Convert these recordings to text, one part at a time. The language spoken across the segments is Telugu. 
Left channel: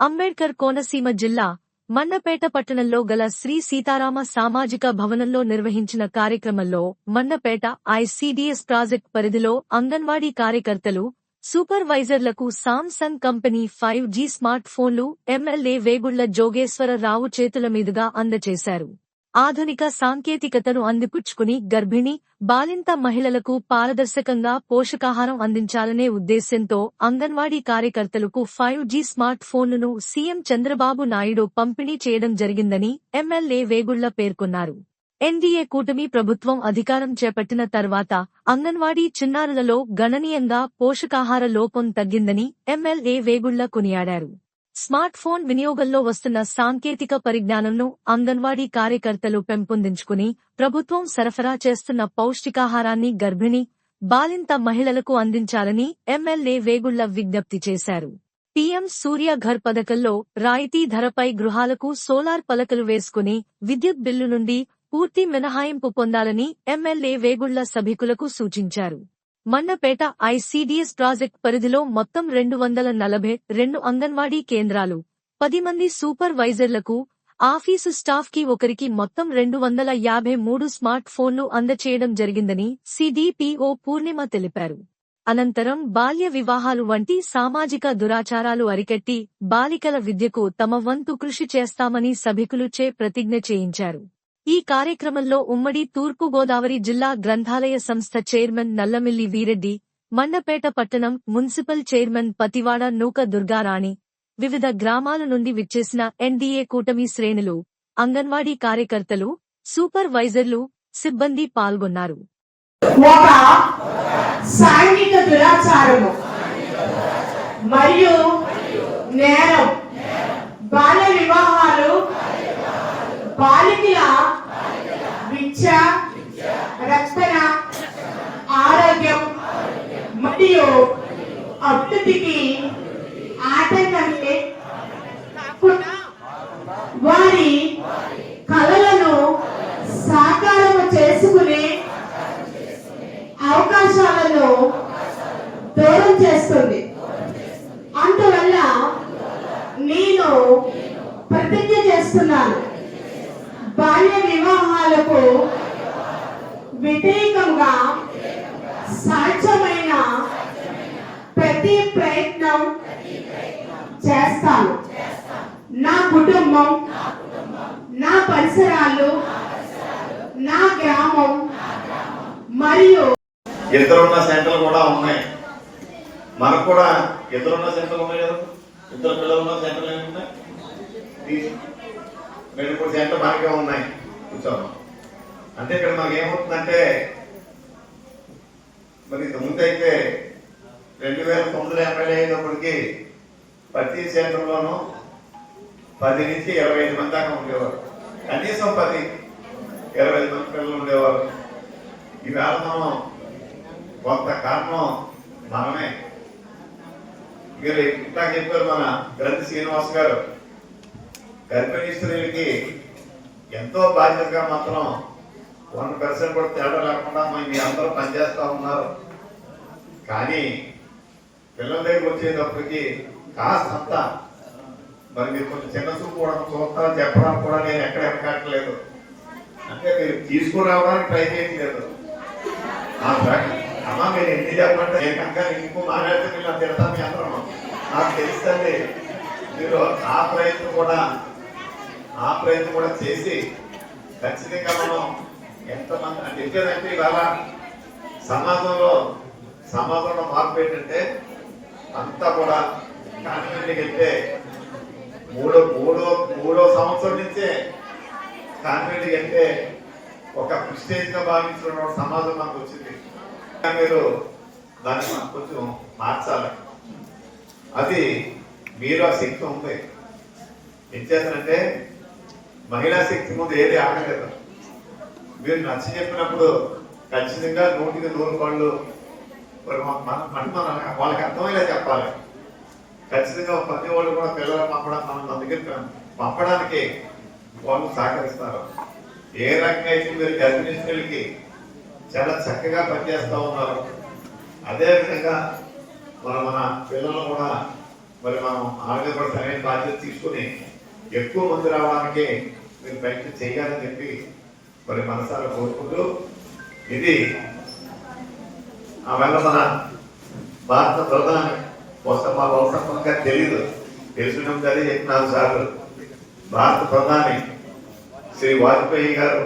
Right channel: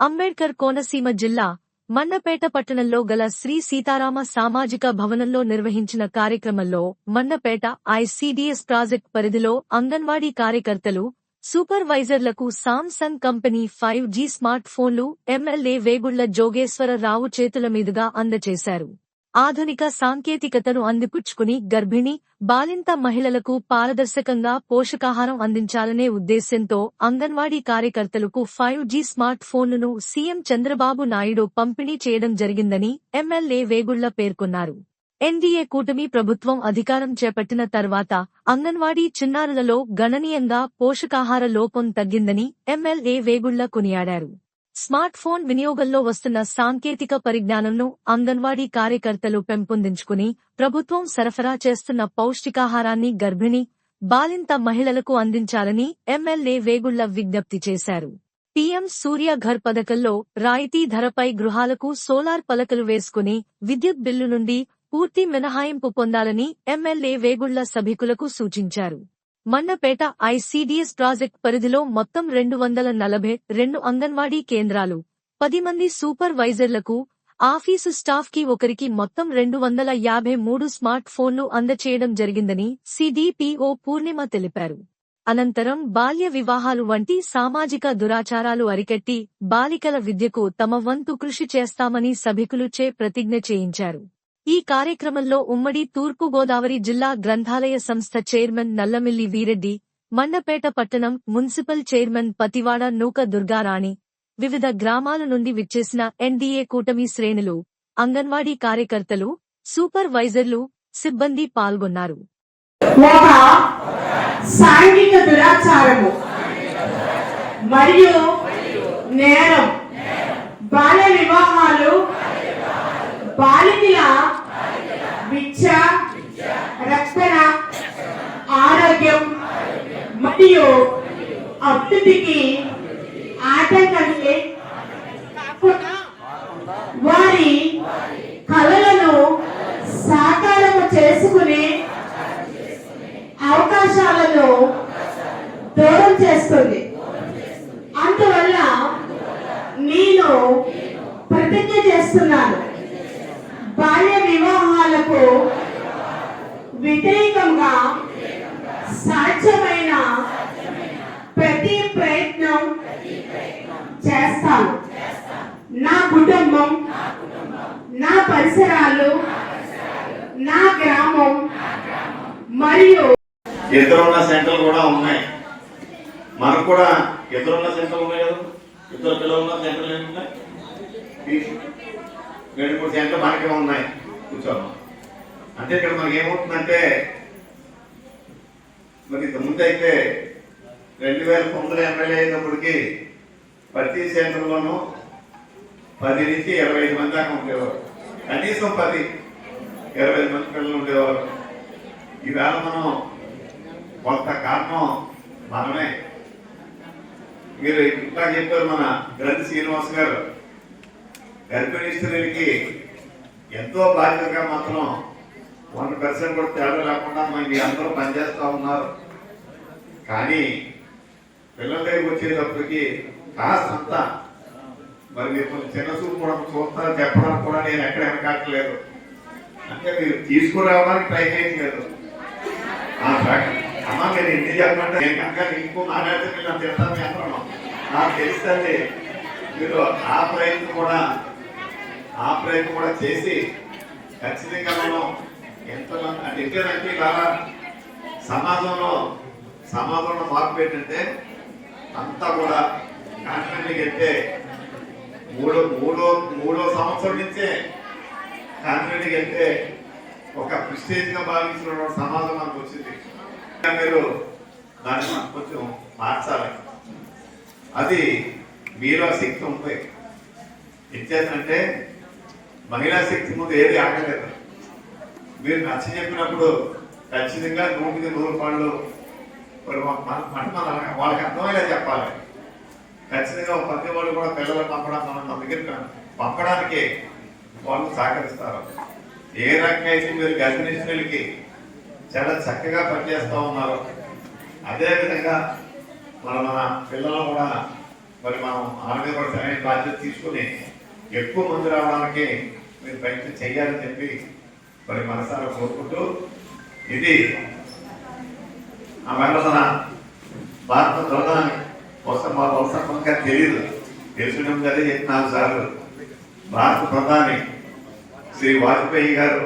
అంబేడ్కర్ కోనసీమ జిల్లా మన్నపేట పట్టణంలో గల శ్రీ సీతారామ సామాజిక భవనంలో నిర్వహించిన కార్యక్రమంలో మన్నపేట ఐసీడీఎస్ ప్రాజెక్ట్ పరిధిలో అంగన్వాడీ కార్యకర్తలు సూపర్వైజర్లకు Samsung company five G smart ఫోన్లు ఎమ్మెల్యే వేగుళ్ళ జోగేశ్వరరావు చేతుల మీదుగా అందజేశారు ఆధునిక సాంకేతికతను అందిపుచ్చుకుని గర్భిణి బాలింత మహిళలకు పారదర్శకంగా పోషకాహారం అందించాలనే ఉద్దేశ్యంతో అంగన్వాడీ కార్యకర్తలకు ఫైవ్ జీ స్మార్ట్ ఫోన్లను సీఎం చంద్రబాబు నాయుడు పంపిణీ చేయడం జరిగిందని ఎమ్మెల్యే వేగుళ్ళ పేర్కొన్నారు. ఎన్డీఏ కూటమి ప్రభుత్వం అధికారం చేపట్టిన తర్వాత అంగన్వాడీ చిన్నారులలో గణనీయంగా పోషకాహార లోపం తగ్గిందని ఎమ్మెల్యే వేగుళ్ళ కొనియాడారు. స్మార్ట్ ఫోన్ వినియోగంలో వస్తున్న సాంకేతిక పరిజ్ఞానంను అంగన్వాడీ కార్యకర్తలు పెంపొందించుకుని ప్రభుత్వం సరఫరా చేస్తున్న పౌష్టికాహారాన్ని గర్భిణి బాలింత మహిళలకు అందించాలని ఎమ్మెల్యే వేగుళ్ళ విజ్ఞప్తి చేశారు. పీఎం సూర్య ఘర్ పథకంలో రాయితీ ధరపై గృహాలకు సోలార్ పలకలు వేసుకుని విద్యుత్ బిల్లు నుండి పూర్తి మినహాయింపు పొందాలని ఎమ్మెల్యే వేగుళ్ళ సభికులకు సూచించారు. మన్నపేట ఐసీడీఎస్ ప్రాజెక్ట్ పరిధిలో మొత్తం రెండు వందల నలభై రెండు అంగన్వాడీ కేంద్రాలు పది మంది సూపర్వైజర్లకు ఆఫీసు స్టాఫ్కి ఒకరికి మొత్తం రెండు వందల యాభై మూడు స్మార్ట్ ఫోన్లు అందచేయడం జరిగిందని సిడిపిఓ పూర్ణిమ తెలిపారు. అనంతరం బాల్య వివాహాలు వంటి సామాజిక దురాచారాలు అరికట్టి బాలికల విద్యకు తమ వంతు కృషి చేస్తామని సభికులుచే ప్రతిజ్ఞ చేయించారు. ఈ కార్యక్రమంలో ఉమ్మడి తూర్పుగోదావరి జిల్లా గ్రంథాలయ సంస్థ చైర్మన్ నల్లమిల్లి వీరెడ్డి మండపేట పట్టణం మున్సిపల్ చైర్మన్ పతివాడ నూక దుర్గారాణి వివిధ గ్రామాల నుండి విచ్చేసిన ఎన్డీఏ కూటమి శ్రేణులు అంగన్వాడీ కార్యకర్తలు సూపర్వైజర్లు సిబ్బంది పాల్గొన్నారు. ఒక సాంఘిక దురాచారము మరియు నేరం బాల్య వివాహాలు బాలికల మరియు అభివృద్ధికి ఆటంకమే కాకుండా వారి కళలను సాకారము చేసుకునే అవకాశాలను దూరం చేస్తుంది. అందువల్ల నేను ప్రతిజ్ఞ చేస్తున్నాను. బాల్య వివాహాలకు వ్యతిరేకంగా సాధ్యమైన ప్రతి ప్రయత్నం చేస్తాను. నా కుటుంబం నా పరిసరాలు నా గ్రామం మరియు ఇద్దరున్న సెంటర్లు కూడా ఉన్నాయి. మనకు కూడా ఇద్దరున్న సెంటర్లు ఉన్నాయి కదా? ఇద్దరు పిల్లలు ఉన్న సెంటర్లు ఏమి ఉన్నాయి రెండు మూడు సెంటర్లు మనకే ఉన్నాయి. కూర్చో అంటే ఇక్కడ మనకి ఏమవుతుందంటే మరి ఇంత ముందైతే రెండు వేల తొమ్మిది ఎమ్మెల్యే అయినప్పటికీ ప్రతి సెంటర్లోనూ పది నుంచి ఇరవై ఐదు మంది దాకా ఉండేవారు. కనీసం పది ఇరవై ఐదు మంది పిల్లలు ఉండేవారు. ఈవేళ మనం కొంత కారణం మనమే మీరు ఇంకా చెప్పారు మన గ్రంథి శ్రీనివాస్ గారు గర్భిణీ స్త్రీలకి ఎంతో బాధ్యతగా మాత్రం వన్ పర్సెంట్ కూడా తేడా లేకుండా మీ అందరూ పనిచేస్తూ ఉన్నారు. కానీ పిల్లల దగ్గరికి వచ్చేటప్పటికి కాస్తంత మరి మీరు చిన్న చూపు కూడా చూస్తారా చెప్పడానికి కూడా నేను ఎక్కడ ఎక్కట్లేదు అంటే మీరు తీసుకురావడానికి ట్రై చేయట్లేదు. లేదు అమ్మ మీరు ఎన్ని చెప్పండి నేను కనుక ఇంకో మాట్లాడితే మీరు తిడతాను చెప్పడం నాకు తెలుస్తుంది మీరు ఆ ప్రయత్నం కూడా ఆ ప్రయత్నం కూడా చేసి ఖచ్చితంగా మనం ఎంతమంది అంటే ఎందుకంటే సమాజంలో సమాజంలో మార్పు ఏంటంటే అంతా కూడా కాన్వెంట్కి వెళ్తే మూడో మూడో మూడో సంవత్సరం నుంచే కాన్వెంట్కి వెళ్తే ఒక ప్రిస్టేజ్గా భావించిన సమాజం మనకు వచ్చింది. ఇంకా మీరు దాన్ని మనం కొంచెం మార్చాలి. అది మీరు ఆ శక్తి ఉంది. ఎంచేతనంటే మహిళా శక్తి ముందు ఏది ఆగలేదు. మీరు నచ్చ చెప్పినప్పుడు ఖచ్చితంగా నూటికి నూరు పళ్ళు మరి మన- మనం వాళ్ళకి అర్థమయ్యేలా చెప్పాలి. ఖచ్చితంగా ప్రతి వాళ్ళు కూడా పిల్లలు పంపడం మనం మన దగ్గర పంపడానికి వాళ్ళు సహకరిస్తారు. ఏ రకంగా అయితే మీరు గర్భిణీశ్వరులకి చాలా చక్కగా పనిచేస్తూ ఉన్నారు అదేవిధంగా మన మన పిల్లలు కూడా మరి మనం ఆరోగ్య కూడా సరైన బాధ్యత తీసుకుని ఎక్కువ మంది రావడానికి మీరు ప్రయత్నం చేయాలని చెప్పి మరి మనసారా కోరుకుంటూ ఇది ఆ మన భారత ప్రధాని వస్త మా వంశంగా తెలియదు తెలుసుకునే ముందు అదే నాలుగు సార్లు భారత ప్రధాని శ్రీ వాజ్పేయి గారు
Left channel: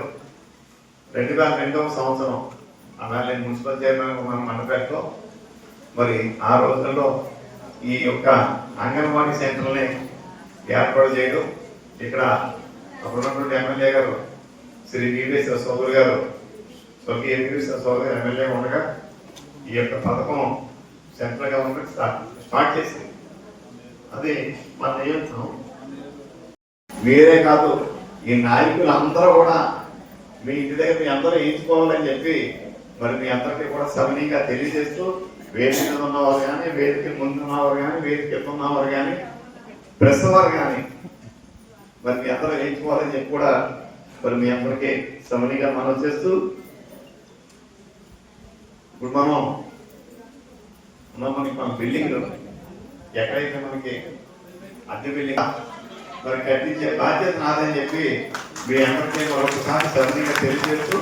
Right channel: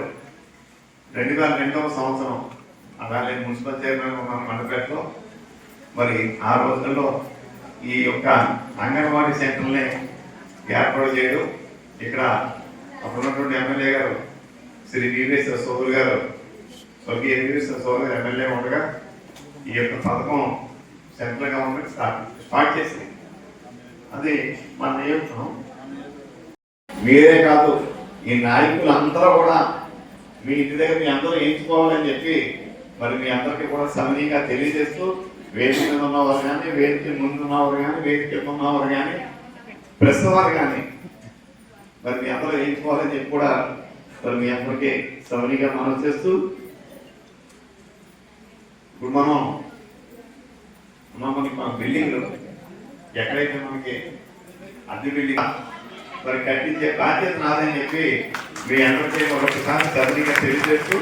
రెండు వేల రెండవ సంవత్సరం అలా నేను మున్సిపల్ చైర్మన్ ఉన్న మండపేటలో మరి ఆ రోజులలో ఈ యొక్క అంగన్వాడీ సెంటర్ని ఏర్పాటు చేయడం ఇక్కడ అప్పుడున్నటువంటి ఎమ్మెల్యే గారు శ్రీ వీరేశ్వర సోదరు గారు స్వర్గీయ వీరేశ్వర సోదరు ఎమ్మెల్యే ఉండగా ఈ యొక్క పథకం సెంట్రల్ గవర్నమెంట్ స్టార్ట్ స్టార్ట్ చేసింది. అది మన నియంత్రణ. మీరే కాదు ఈ నాయకులు అందరూ కూడా మీ ఇంటి దగ్గర మీ అందరూ వేయించుకోవాలని చెప్పి మరి మీ అందరికీ కూడా సమనీయంగా తెలియజేస్తూ వేదిక మీద ఉన్నవారు కానీ వేదిక ముందు ఉన్నవారు కానీ వేదిక ఉన్నవారు కానీ ప్రెస్ వారు కానీ మరి మీ అందరూ ఎంచుకోవాలని చెప్పి కూడా మరి మీ అందరికీ సమనీయంగా మనం చేస్తూ ఇప్పుడు మనం ఉన్నాం మనకి మన బిల్డింగ్ ఎక్కడైతే మనకి అద్దె బిల్డింగ్ మరి కట్టించే బాధ్యత నాదని చెప్పి మీ అందరికీ ఒకసారి సరళిగా తెలియజేస్తూ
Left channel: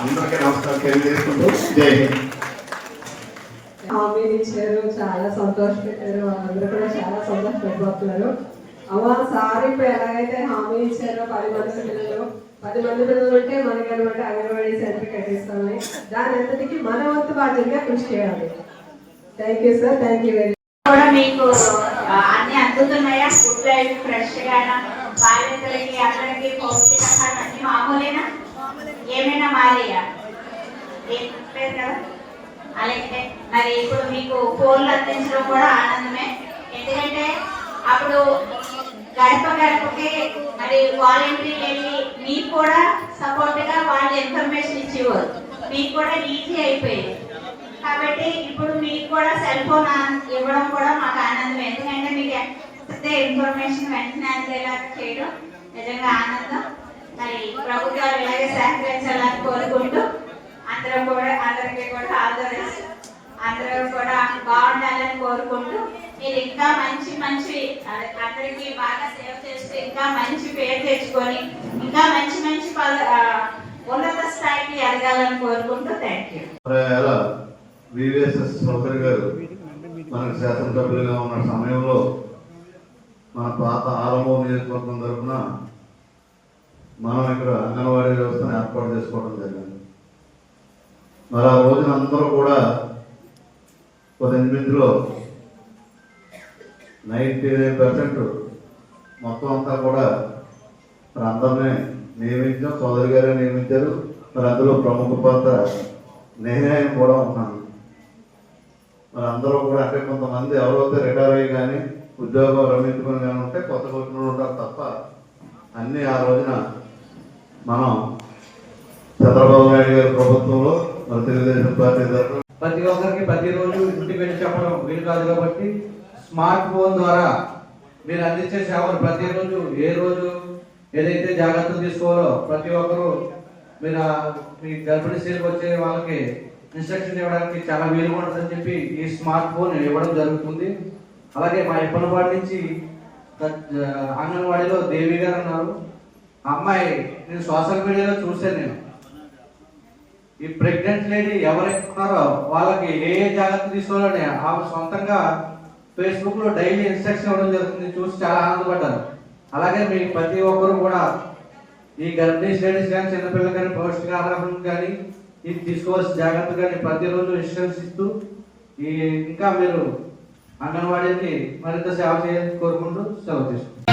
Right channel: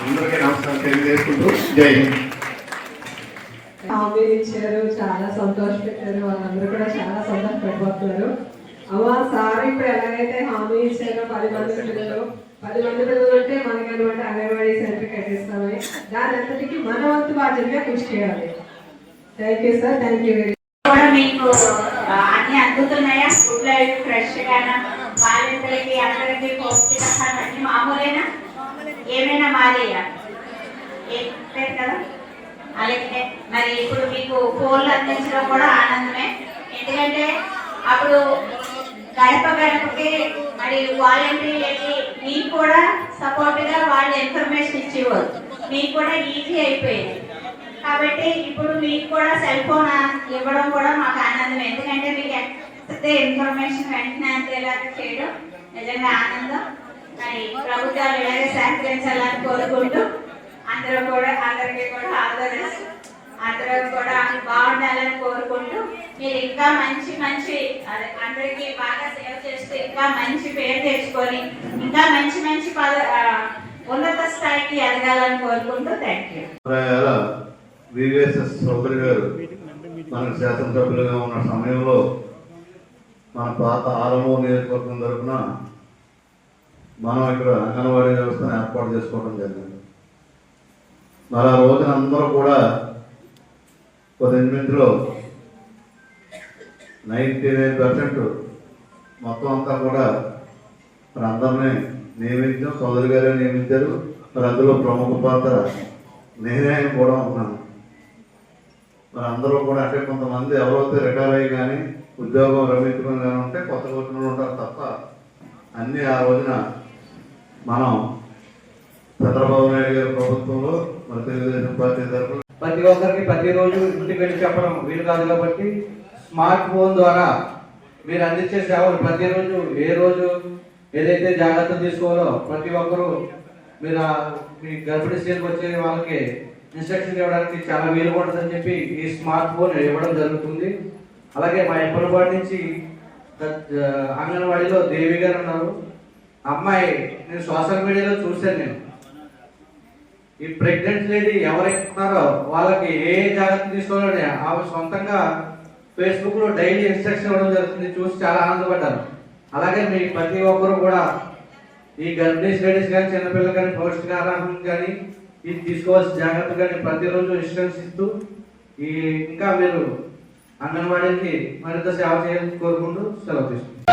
అందరికీ నమస్కారం తెలియజేసుకుంటూ జై హింద్. హామీలు ఇచ్చారు చాలా సంతోష పెట్టారు వాళ్ళందరూ కూడా చాలా సంతోషపడిపోతున్నారు అమ్మ సార్ ఇప్పుడు ఎలాగైతే హామీ ఇచ్చారో పది మంది పిల్లలు పది మంది పిల్లలు ఉంటే మనకి అనమాట అంగన్వాడీ సెంటర్ దాని మన వంతు బాధ్యతగా కృషి చేయాలి. Thank you sir thank you very కూడా మీకు అన్ని అందుతున్నాయా? ఫుడ్ ఫ్రెష్ గానా? బాలింతలకి అందరికి పౌష్టికాహారం అన్ని మామూలేనా? ఏమైనా మారేయా? ఏం లేదు కదా? అలాగే. మరి ఇప్పుడు మీకు ఫోన్లు అందించడం కూడా ఆనందమే. ఎందుకంటే అప్పుడు గడప గడపకి మరి వాలంటీర్ వెళ్ళి నీకు కూడా సపోర్ట్గా వాళ్ళు ఇన్ఫర్మేషన్ ఇచ్చేవారు. మీకు కూడా ఈజీ అయిపోయింది. కాబట్టి ఇప్పుడు మీకు కూడా సెల్ ఫోన్ ఇవ్వడం కూడా మాకు ఆనందం ఎందుకంటే మీకు ఇన్ఫర్మేషన్ వెంటనే అందేలా చేయడం నిజంగా ఆనందం. మరి ప్రభుత్వాలు ఇలాగే సహకరించాలని కోరుకుంటూ అందరూ కూడా అందరికీ కూడా ఆదరిస్తూ అందరూ కూడా బాగుండాలని కోరుకుంటూ మీరు ఇంకా మంచి మంచి అందరికీ బాగా సేవ చేస్తూ ఇంకా మంచి పేరు తెచ్చుకొని ఇంకా మంచి మంచి పద ఉన్నత స్థాయికి ఎదగాలని కోరుకుంటూ థ్యాంక్ యూ సభ్యులు గారు మనకు శాసనసభ్యులుగా ఉన్న సమయంలో మన పాత ఆలమూరు నియోజకవర్గం తరఫున మనం ఇక్కడ అంగన్వాడీ వ్యవస్థను ఏర్పాటు చేసుకోవడం జరిగింది. మరి ఆ రోజున అందరూ కూడా పద్దెనిమిదిలో నైంటీ నైన్ పర్సెంట్ మొత్తం అంతా కూడా అందరినీ నియమించడం సోదరి గారే నియమించారు. మరి అందులో ప్రముఖ పాత్ర నేనే కూడా ఉన్నాను మరి అందరూ కూడా అంటే కొంతమంది ఎవరైతే రిటైర్ అయ్యి కానీ ఉద్యోగం రమించుకుని కానీ ఉంటే కొత్త వచ్చిన ఉంటారు తప్ప అన్నీ ఆ రోజున మనం చంద్రబాబు నాయుడు గారి ప్రభుత్వంలో మన తెలుగుదేశం పార్టీ తరఫున ప్రతి ఒక్కరికి ప్రతిరోజు ఇంటికి వెళ్ళి చెప్పడం వీలు కాదు కాబట్టి స్మార్ట్ ఫోన్ ద్వారా మీరు అందించే సేవలు ప్రతిరోజు ఏ రోజు ఏదైతే జాగ్రత్తలు తీసుకోవాలో ప్రతి ఒక్కరూ మీరు మీ గర్భిణీ స్త్రీలకు వచ్చే వాళ్ళకి ఇన్స్ట్రక్షన్ ఇవ్వడానికి చాలా వీలు పడుతుందని చెప్పి ఈ స్మార్ట్ ఫోన్ ఇవ్వడం జరుగుతుంది. అలాగే మా ఇప్పటిపాటి నుంచి అంగన్వాడీలో దేవి గారు ఉన్నారు. అమ్మాయి నేను సోషల్ మీడియాలో చూశాను నేను. ఈ ప్రెగ్నెంట్ లేడీ ఎవరైతే ఉన్నారో వాళ్ళకి ఏ జాగ్రత్త తీసుకోవాలని ఆమె సొంతంగా ఫేస్బుక్లో డైలీ ఇన్స్ట్రక్షన్ ఇవ్వడం జరుగుతుంది. చూసి చాలా ఆనందపడ్డారు అలాగే మీ ప్రతి ఒక్కరు కూడా ఈ గర్భిణీ స్టడీస్ కానీ చిన్నపిల్లలు కానీ పౌష్టికాహారం కానీ ఇది తీసుకోవాల్సిన జాగ్రత్త కానీ ప్రతిరోజు ఇన్స్ట్రక్షన్స్ ఇస్తూ ఈ ఇంకా మీరు అంగన్వాడీకి మరింత సేవ చేయాలని కోరుకుంటూ సెలవు తీసుకుంటాం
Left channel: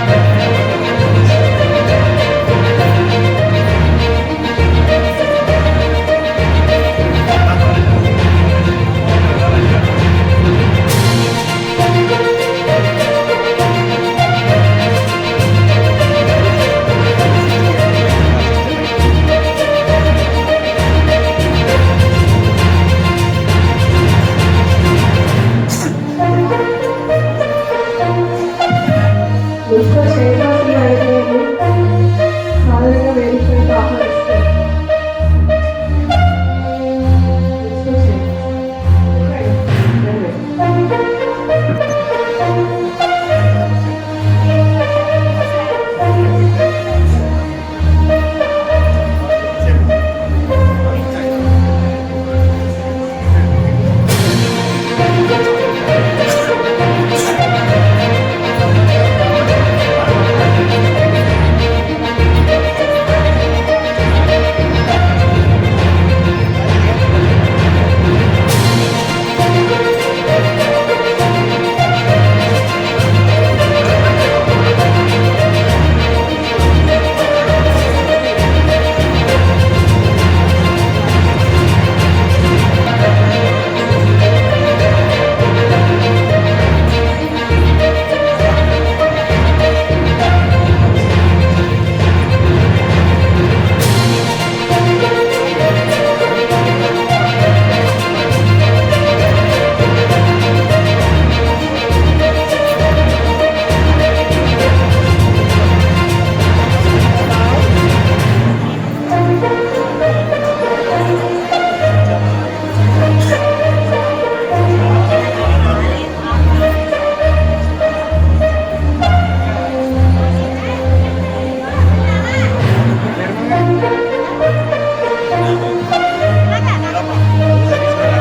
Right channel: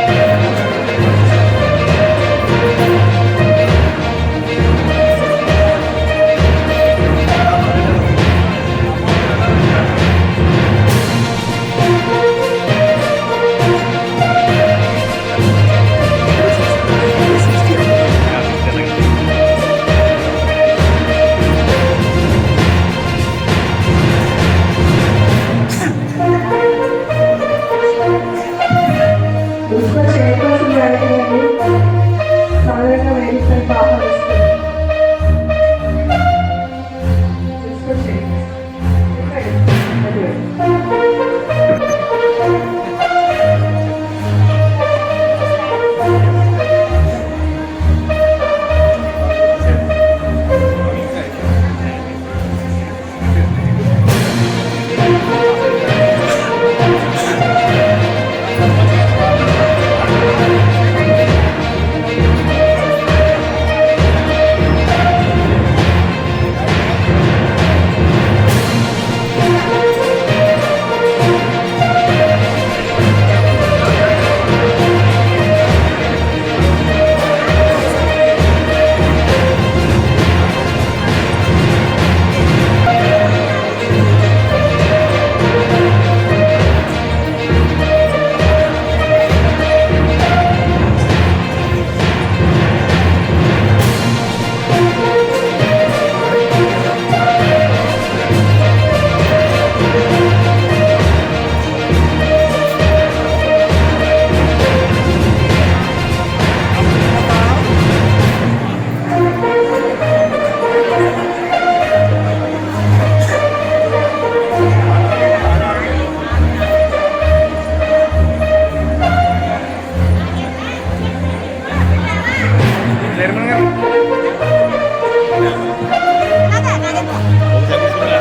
Let's go.